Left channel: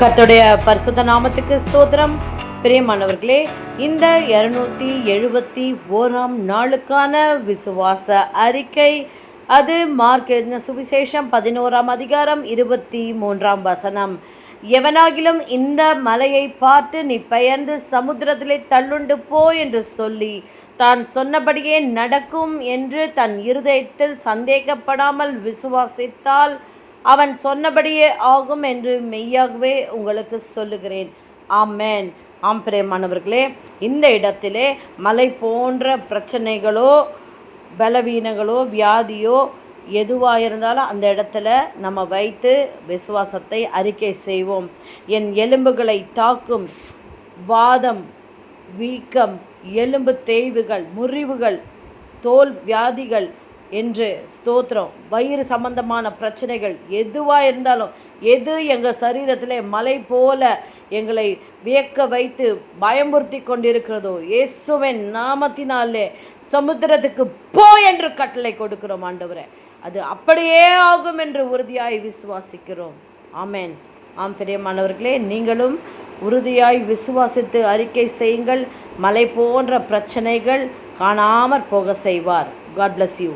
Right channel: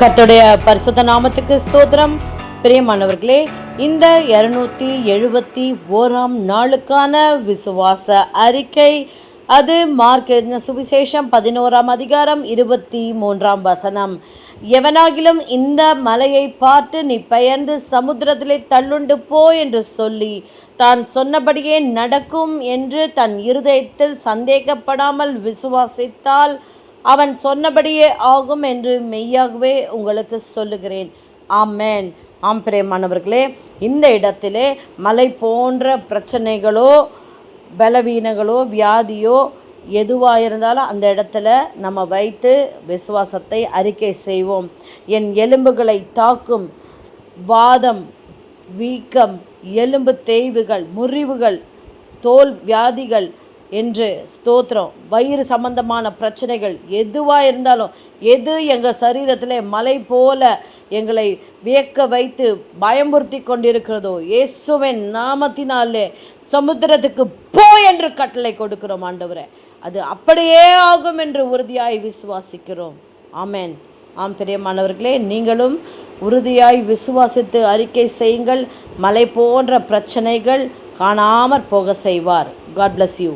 கர்த்தருடைய பரிசுத்த நாமத்துக்கு ஸ்தோத்திரம். பிரியமானவர்களே, இந்த 271ஆம் நாளுக்கான விசுவாச அறிக்கை, அது மார்க் எழுதின சுவிசேஷம் 11ஆம் அதிகாரம் 23ஆம் வசனம். எவனாகிலும் இந்த மலையை பார்த்து நீ பெயர்ந்து சமுத்திரத்திலே தள்ளுண்டு போ என்று சொல்லி தான் சொன்னபடியே நடக்கும் என்று தன் இருதயத்தில் சந்தேகப்படாமல் விசுவாசித்தால் அவன் சொன்னபடியே ஆகும் என்று மெய்யாகவே உங்களுக்கு சொல்லுகிறேன். ஆமென். ஆம் பிரியமானவர்களே, இந்த இடத்திலே மலை போன்ற பிரச்சனைகளோ பலவீனங்களோ வியாதியோ எதுவாக இருந்தாலும் அந்த இடத்துல நம்ம வைத்து விசுவாசத்தை அறிக்கை செய்வோம். என் எலும்புகளை தாக்கும் வாதம், வீக்கம், எலும்பு தேய்வுகள், முறிவுகள், தோல் வியாதிகள் என்று ஸ்தோத்திரம், வயிறு சம்பந்தமான பிரச்சனைகள் எதுவாக இருந்தாலும், எது எங்கள் சரீரத்தில் மலை போல எங்களை வியக்க வைத்து பயமுறுத்தி கொண்டிருக்கிறதோ, இயேசுவின் நாமத்தினாலே சமுத்திரத்துக்கு போ என்று கட்டளை கொடுக்கிறோம் ஆண்டவரே. அது அப்படியே ஆகும் என்று உறுதியாய் விசுவாசிக்கிறோம். ஆமென். ஆம் பிரியமானவர்களே, நீங்களும் உறுதியாய் விசுவாசித்து அறிக்கை செய்யுங்கள். மலை போன்ற பிரச்சனைகள் காணாமற் போக செய்வார். God bless you.